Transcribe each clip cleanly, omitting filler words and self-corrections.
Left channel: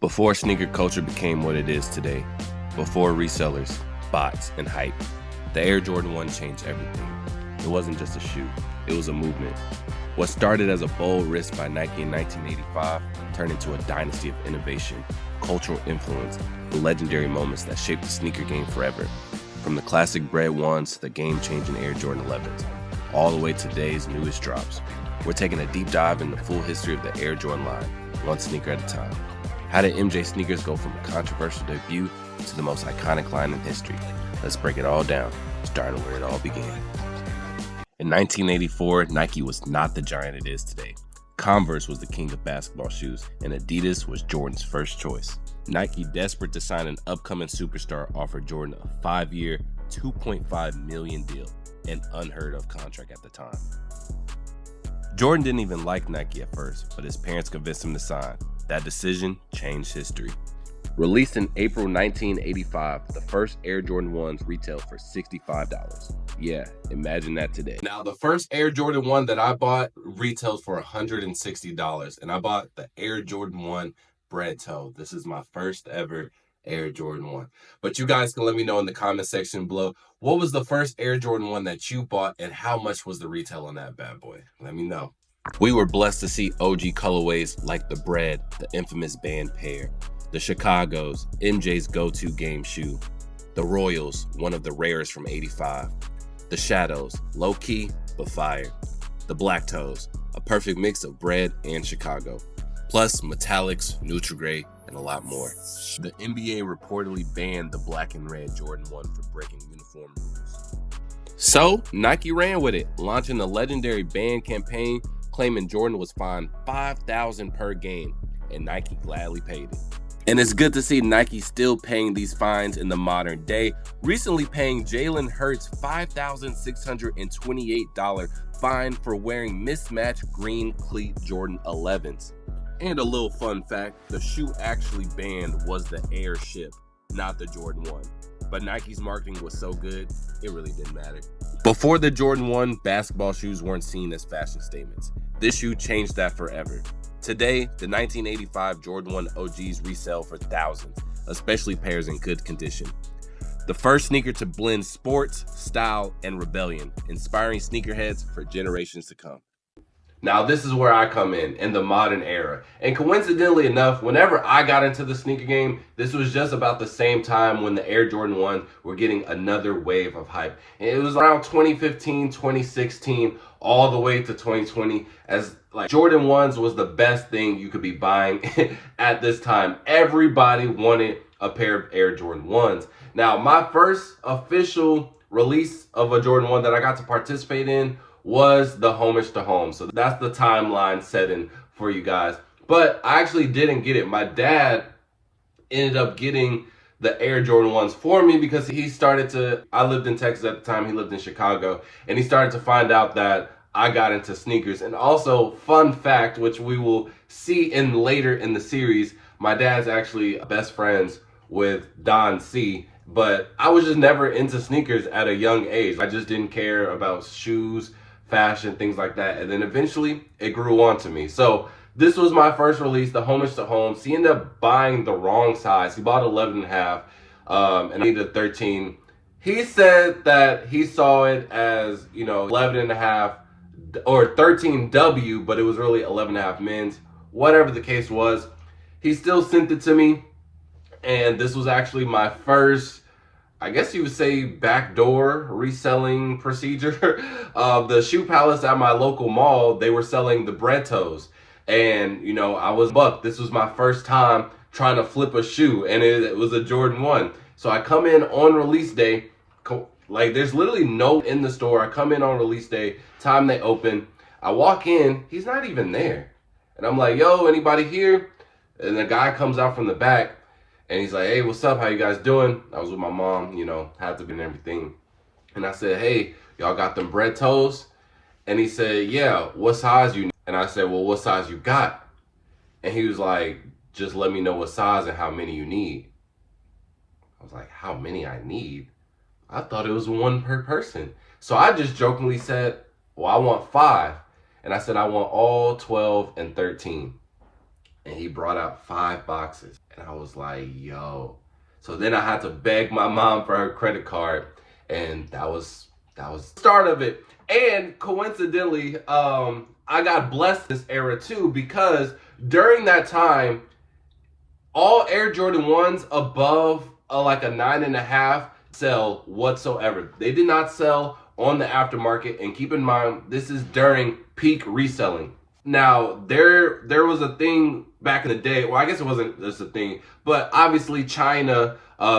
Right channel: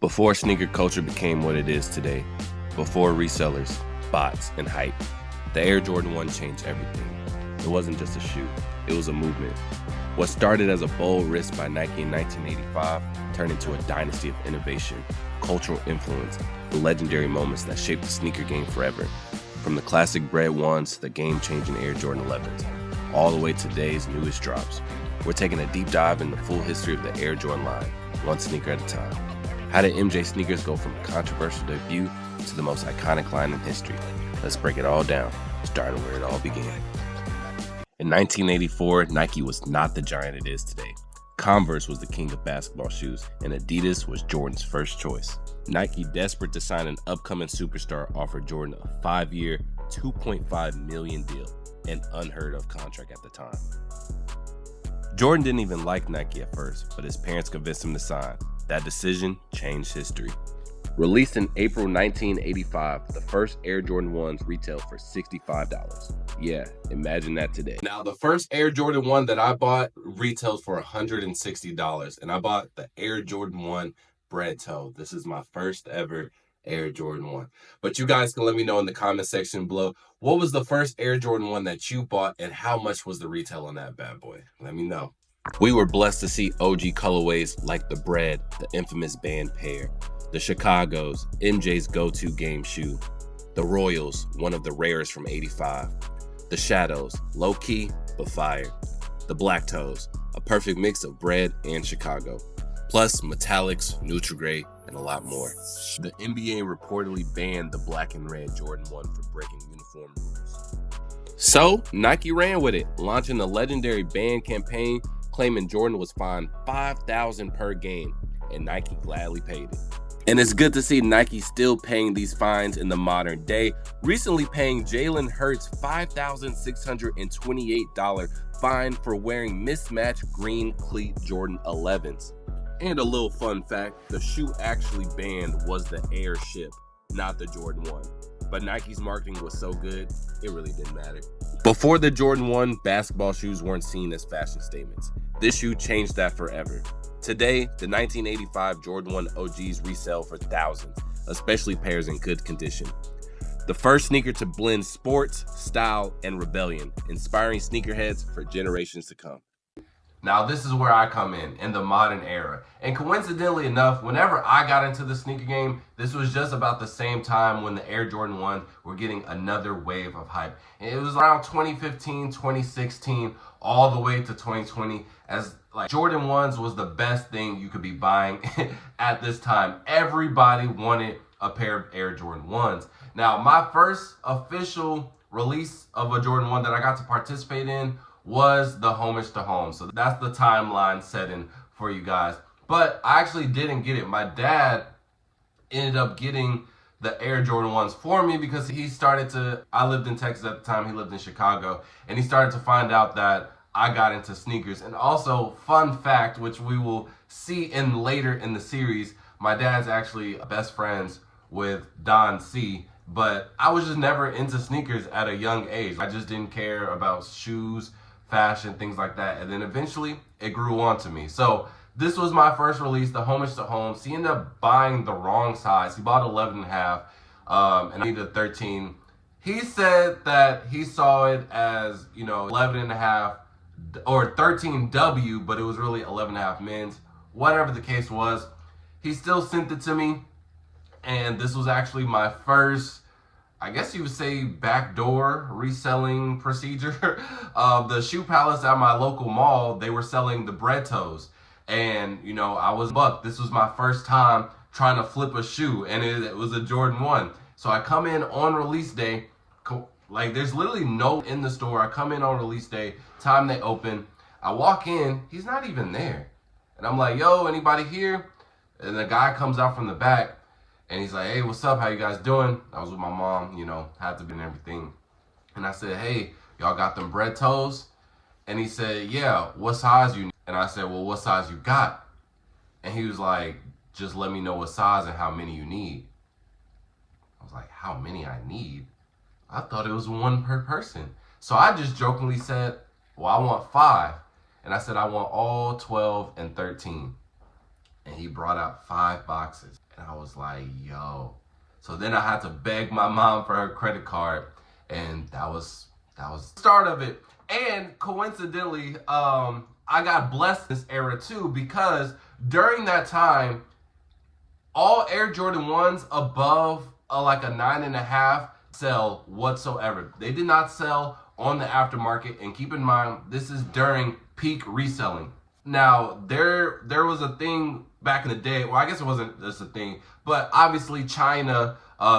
Before sneaker culture became what it is today, before resellers, bots, and hype, the Air Jordan 1 changed everything. It wasn't just a shoe, it was a movement. What started as a bold risk by Nike in 1985 turned into a dynasty of innovation, cultural influence, and legendary moments that shaped the sneaker game forever. From the classic Bread 1s to the game-changing Air Jordan 11s, all the way to today's newest drops. We're taking a deep dive in the full history of the Air Jordan line, one sneaker at a time. How did MJ sneakers go from a controversial debut to the most iconic line in history? Let's break it all down, starting where it all began. In 1984, Nike was not the giant it is today. Converse was the king of basketball shoes, and Adidas was Jordan's first choice. Nike, desperate to sign an upcoming superstar, offered Jordan a 5-year, $2.5 million deal, an unheard of contract at the time. Jordan didn't even like Nike at first, but his parents convinced him to sign. That decision changed history. Released in April 1985, the first Air Jordan 1s retailed for $65. Yeah, imagine that today. Now, the first Air Jordan 1 that I bought retailed for $160, and I bought the Air Jordan 1 Bread Toe. This is my first ever Air Jordan 1. But you guys can let me know in the comment section below, what was the first Air Jordan 1 that you bought, and how much was the retail on that bad boy? Let me know. We were blessed to see OG colorways like the Bread, the infamous band pair, the Chicago's, MJ's go-to game shoe, the Royals, one of the rarest from '85, the Shadows, low-key but fire, the Black Toes, a perfect mix of Bread and Chicago, plus metallics, neutral gray, and a lot more. The NBA reportedly banned the black and red Jordan 1 for breaking uniform rules. So Nike ran with it, launching the legendary ban campaign, claiming Jordan was fined $5,000 per game, and Nike gladly paid it. And it's good to see Nike still paying these fines in the modern day, recently paying Jalen Hurts $5,628 fine for wearing mismatched green cleat Jordan 11s. And a little fun fact, the shoe actually banned was the Airship, not the Jordan 1. But Nike's marketing was so good, it really didn't matter. Before the Jordan 1, basketball shoes weren't seen as fashion statements. This shoe changed that forever. Today, the 1985 Jordan 1 OGs resell for thousands, especially pairs in good condition. The first sneaker to blend sports, style, and rebellion, inspiring sneakerheads for generations to come. Now, this is where I come in the modern era. And coincidentally enough, whenever I got into the sneaker game, this was just about the same time when the Air Jordan 1 were getting another wave of hype. And it was around 2015, 2016, all the way to 2020, as like Jordan 1s was the best thing you could be buying at this time. Everybody wanted a pair of Air Jordan 1s. Now, my first official release of a Jordan 1 that I got to participate in was the Homage to Home. So that's the timeline setting for you guys. But I actually didn't get it. My dad ended up getting the Air Jordan 1s for me because he started to, I lived in Texas at the time, he lived in Chicago, and he started to find out that I got into sneakers. And also, fun fact, which we will see in later in the series, my dad's actually best friends with Don C, but I was just never into sneakers at a young age. I just didn't care about shoes, fashion, things like that. And then eventually it grew on to me. So this was my first release, the Homage to Home. He ended up buying the wrong size. He bought 11.5, and I needed a 13. He said that he saw it as, 11.5 or 13W, but it was really 11.5 men's. Whatever the case was, he still sent it to me. And this was actually my first, I guess you would say, backdoor reselling procedure. The Shoe Palace at my local mall, they were selling the Bread Toes. And, I was buck. This was my first time trying to flip a shoe, and it was a Jordan 1. So I come in on release day. Like, there's literally no in the store. I come in on release day, time they open. I walk in, he's not even there. And I'm like, yo, anybody here? And the guy comes out from the back, and he's like, hey, what's up? How you guys doing? I was with my mom, had to be and everything. And I said, hey, y'all got them Bread Toes? And he said, yeah, what size you need? And I said, well, what size you got? And he was like, just let me know what size and how many you need. I was like, how many I need? I thought it was one per person. So I just jokingly said, well, I want 5. And I said, I want all 12 and 13. and he brought out 5 boxes. And I was like, yo. So then I had to beg my mom for her credit card, and that was the start of it. And coincidentally, I got blessed this era too, because during that time, all Air Jordan 1s above like a 9.5 sell whatsoever. They did not sell on the aftermarket, and keep in mind, this is during peak reselling. Now, there was a thing back in the day. Well, I guess it wasn't just a thing, but obviously China,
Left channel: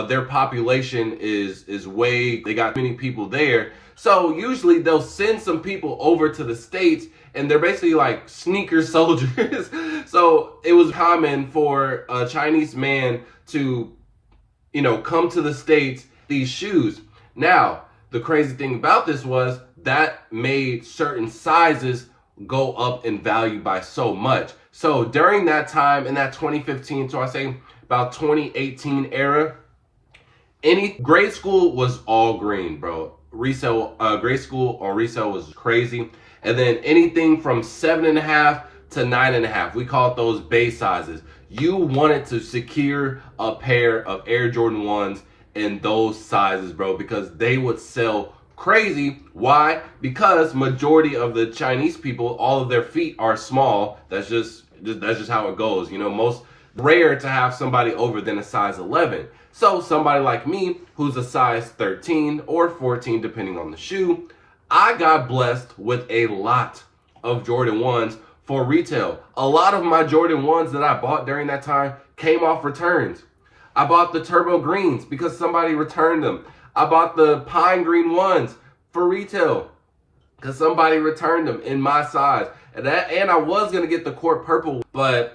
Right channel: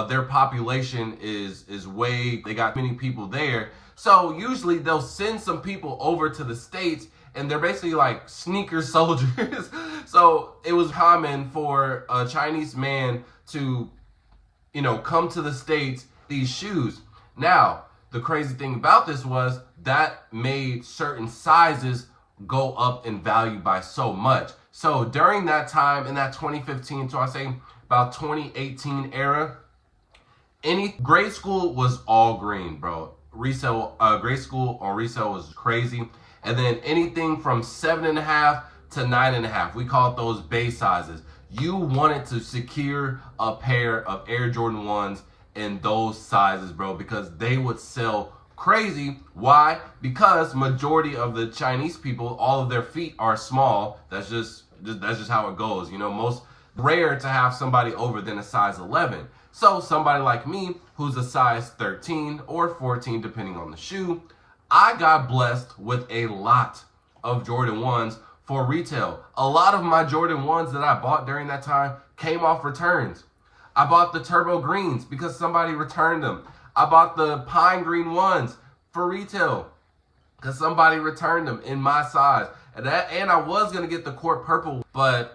their population is way, they got many people there. So usually they'll send some people over to the States, and they're basically like sneaker soldiers. So it was common for a Chinese man to, come to the States, these shoes. Now, the crazy thing about this was that made certain sizes go up in value by so much. So during that time, in that 2015, so I say about 2018 era, any grade school was all green, bro. Resale, grade school on resale was crazy. And then anything from 7.5 to 9.5, we call it those base sizes. You wanted to secure a pair of Air Jordan 1s in those sizes, bro, because they would sell crazy. Why? Because majority of the Chinese people, all of their feet are small. That's just how it goes. Most rare to have somebody over than a size 11. So somebody like me, who's a size 13 or 14, depending on the shoe, I got blessed with a lot of Jordan 1s for retail. A lot of my Jordan 1s that I bought during that time came off returns. I bought the turbo greens because somebody returned them. I bought the pine green 1s for retail because somebody returned them in my size. And I was going to get the court purple, but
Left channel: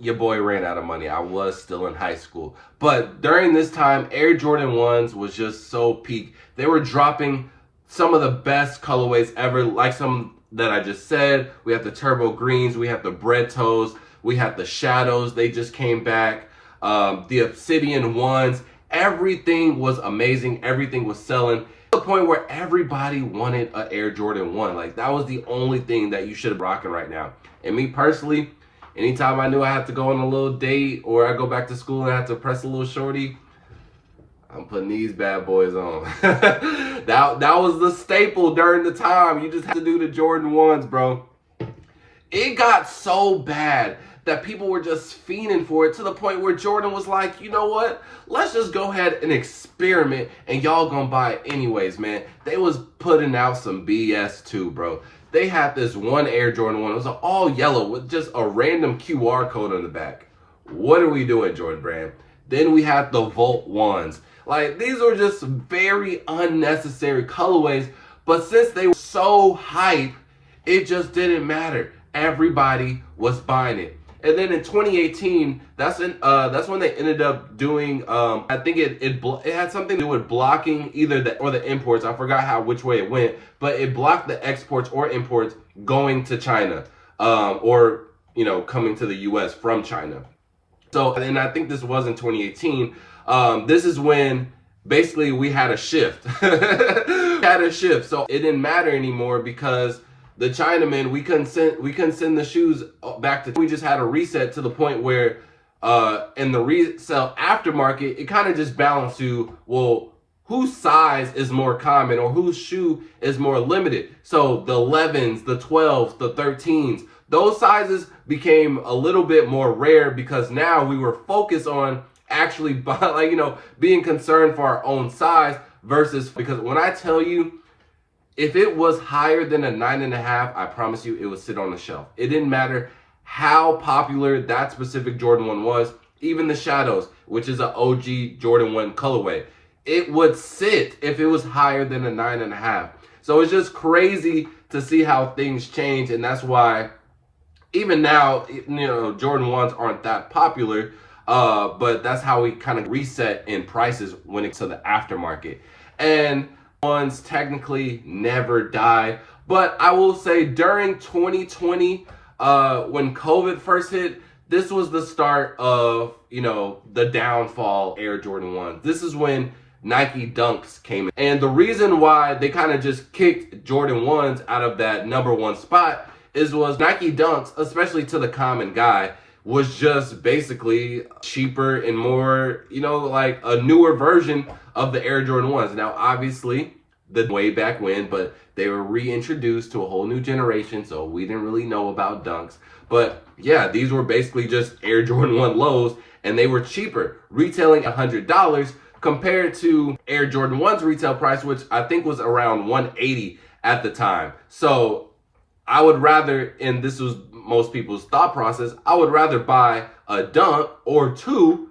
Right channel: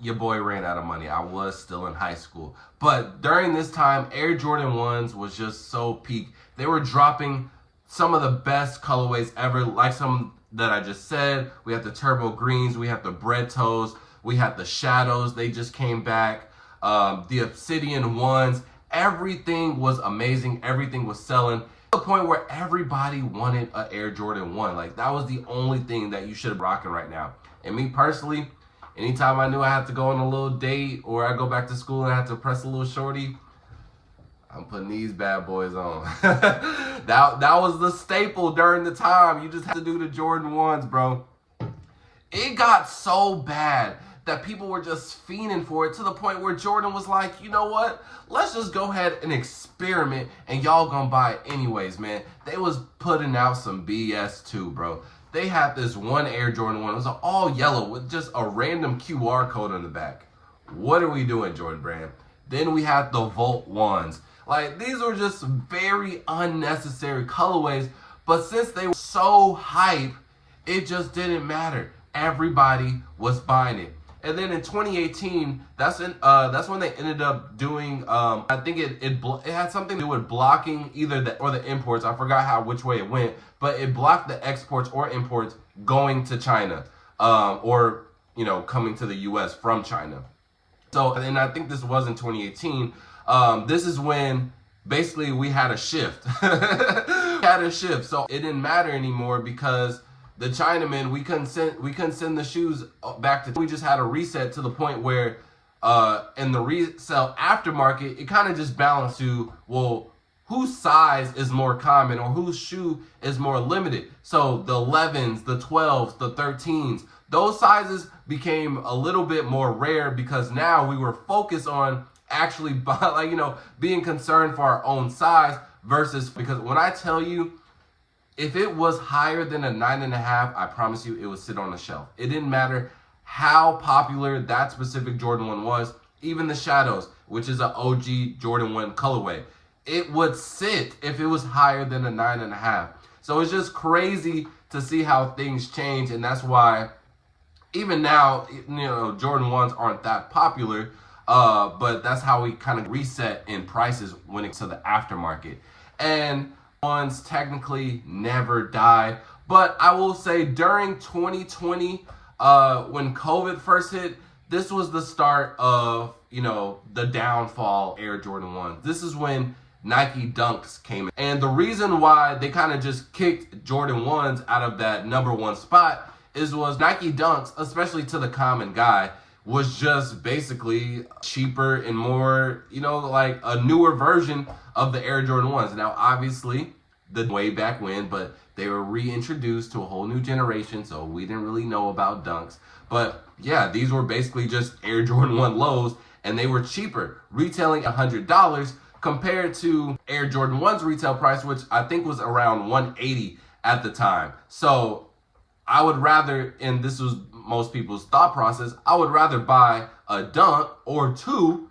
your boy ran out of money. I was still in high school. But during this time, Air Jordan 1s was just so peak. They were dropping some of the best colorways ever, like some that I just said. We had the turbo greens, we had the bread toes, we had the shadows. They just came back. The obsidian 1s. Everything was amazing. Everything was selling to the point where everybody wanted an Air Jordan 1. Like, that was the only thing that you should be rocking right now. And me personally, anytime I knew I had to go on a little date or I go back to school and I had to press a little shorty, I'm putting these bad boys on. that was the staple during the time. You just had to do the Jordan 1s, bro. It got so bad that people were just fiending for it, to the point where Jordan was like, you know what? Let's just go ahead and experiment, and y'all gonna buy it anyways, man. They was putting out some BS too, bro. They had this one Air Jordan 1. It was all yellow with just a random QR code on the back. What are we doing, Jordan Brand? Then we had the Volt 1s. Like, these were just very unnecessary colorways, but since they were so hype, it just didn't matter. Everybody was buying it. And then in 2018, that's when they ended up doing. I think it had something to do with blocking either the imports. I forgot which way it went, but it blocked the exports or imports going to China, or coming to the U.S. from China. So, and I think this was in 2018. This is when basically we had a shift. So it didn't matter anymore because the Chinamen, we couldn't send the shoes back to. We just had a reset to the point where in the resale aftermarket, it kind of just balanced to, well, whose size is more common or whose shoe is more limited. So the 11s, the 12s, the 13s, those sizes became a little bit more rare because now we were focused on actually being concerned for our own size versus, because when I tell you, if it was higher than a 9.5, I promise you it would sit on the shelf. It didn't matter how popular that specific Jordan 1 was, even the shadows, which is an OG Jordan 1 colorway. It would sit if it was higher than a 9.5. So it's just crazy to see how things change, and that's why even now, Jordan 1s aren't that popular, but that's how we kind of reset in prices when it's to the aftermarket. And ones technically never die, but I will say during 2020, when COVID first hit, this was the start of the downfall Air Jordan 1. This is when Nike Dunks came in, and the reason why they kind of just kicked Jordan 1s out of that number one spot was Nike Dunks, especially to the common guy, was just basically cheaper and more, you know, like a newer version of the Air Jordan 1s. Now, obviously, the way back when, but they were reintroduced to a whole new generation, so we didn't really know about dunks. But yeah, these were basically just Air Jordan 1 lows, and they were cheaper, retailing $100 compared to Air Jordan 1's retail price, which I think was around $180 at the time. So I would rather, and this was most people's thought process, I would rather buy a dunk or two.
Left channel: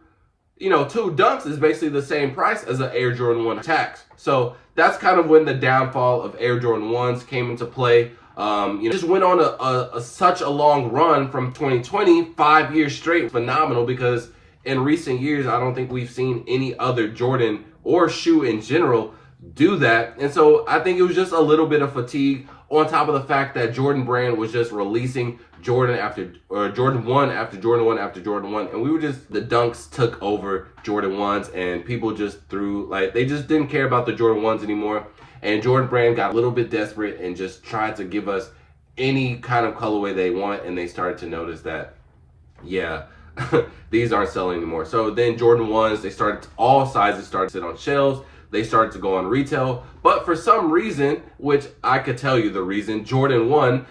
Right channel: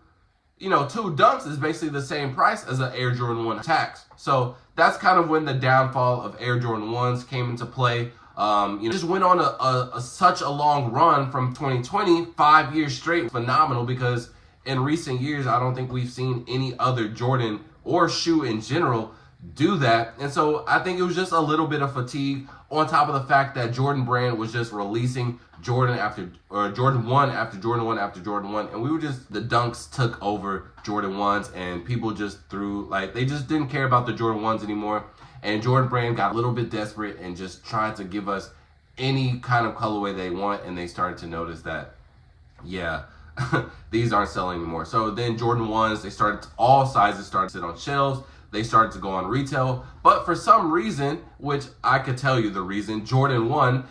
You know, two dunks is basically the same price as an Air Jordan 1 tax. So that's kind of when the downfall of Air Jordan 1s came into play. Just went on such a long run from 2020, 5 years straight. Phenomenal, because in recent years, I don't think we've seen any other Jordan or shoe in general do that. And so I think it was just a little bit of fatigue, on top of the fact that Jordan brand was just releasing Jordan 1 after Jordan 1 after Jordan 1. And we were just, the dunks took over Jordan 1s, and people just they just didn't care about the Jordan 1s anymore. And Jordan brand got a little bit desperate and just tried to give us any kind of colorway they want. And they started to notice that, yeah, these aren't selling anymore. So then Jordan 1s, all sizes started to sit on shelves. They started to go on retail. But for some reason, which I could tell you the reason, Jordan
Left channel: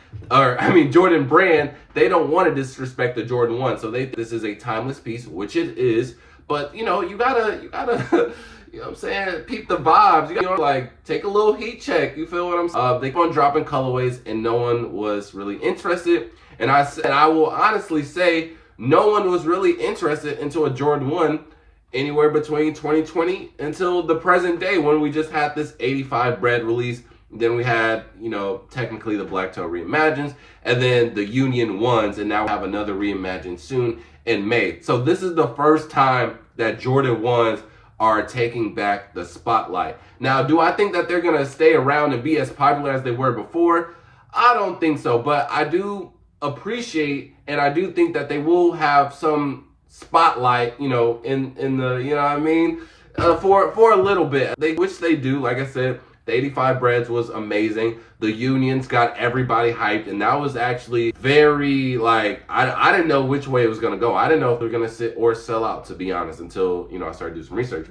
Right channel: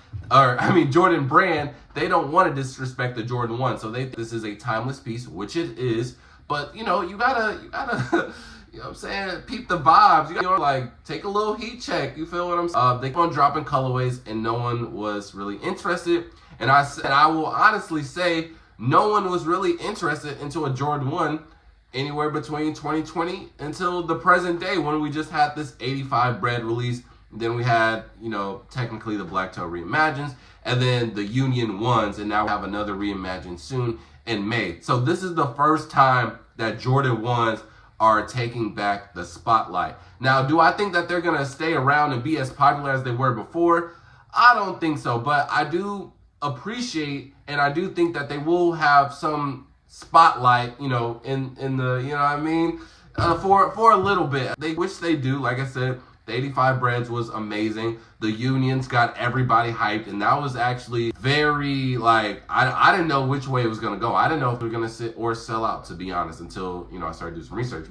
brand, they don't want to disrespect the Jordan 1. So this is a timeless piece, which it is. But you gotta you know what I'm saying, peep the vibes. You gotta like take a little heat check. You feel what I'm saying? They keep on dropping colorways and no one was really interested. And I will honestly say no one was really interested into a Jordan 1 anywhere between 2020 until the present day, when we just had this 85 bread release. Then we had, technically the Black Toe Reimagines, and then the Union 1s, and now we have another Reimagine soon in May. So this is the first time that Jordan 1s are taking back the spotlight. Now, do I think that they're going to stay around and be as popular as they were before? I don't think so, but I do appreciate, and I do think that they will have some spotlight, in the, what I mean, for a little bit, which they do. Like I said, the 85 breads was amazing. The Unions got everybody hyped, and that was actually very, I didn't know which way it was going to go. I didn't know if they were going to sit or sell out, to be honest, until, I started doing some research.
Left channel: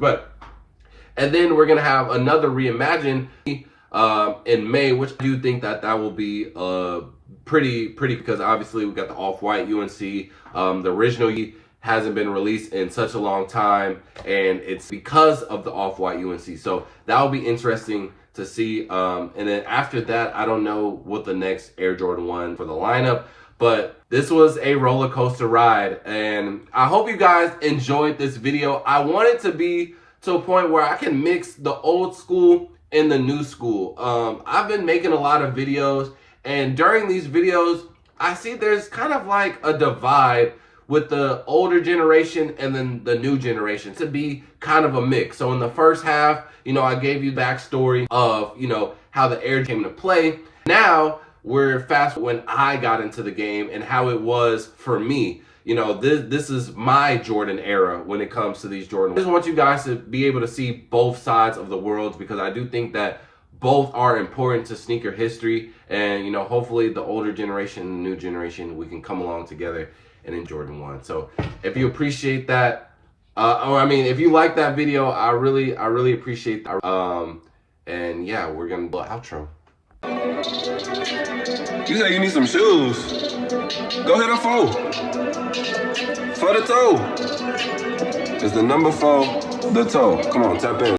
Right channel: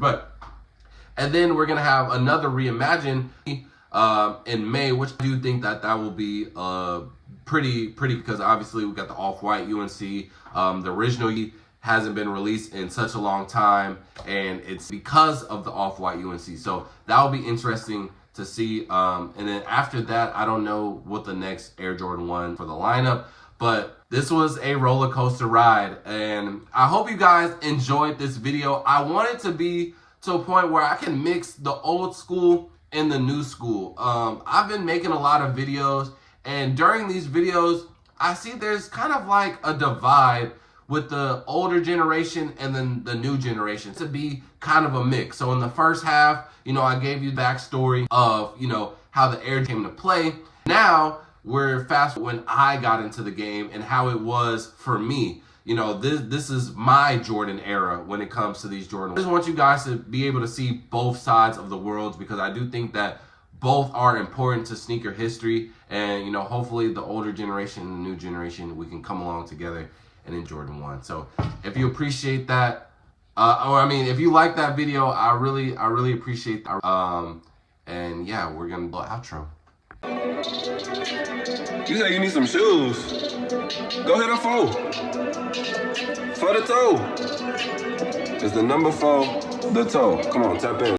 And then we're going to have another Reimagine in May, which I do think that will be pretty, because obviously we got the Off-White UNC, the original hasn't been released in such a long time, and it's because of the Off-White UNC. So that will be interesting to see. And then after that, I don't know what the next Air Jordan 1 for the lineup, but this was a roller coaster ride, and I hope you guys enjoyed this video. I want it to be to a point where I can mix the old school and the new school. I've been making a lot of videos, and during these videos, I see there's kind of like a divide with the older generation and then the new generation, to be kind of a mix. So in the first half, I gave you the backstory of, how the Air came to play. Now we're fast when I got into the game and how it was for me. This is my Jordan era when it comes to these Jordan. I just want you guys to be able to see both sides of the worlds, because I do think that both are important to sneaker history. And, hopefully the older generation and the new generation, we can come along together and in Jordan 1. So if you appreciate that, if you like that video, I really appreciate that. And yeah, we're gonna do an outro. You say you need some shoes. Go hit a 4. For the toe. It's the number 4, the toe. Come on, tap in.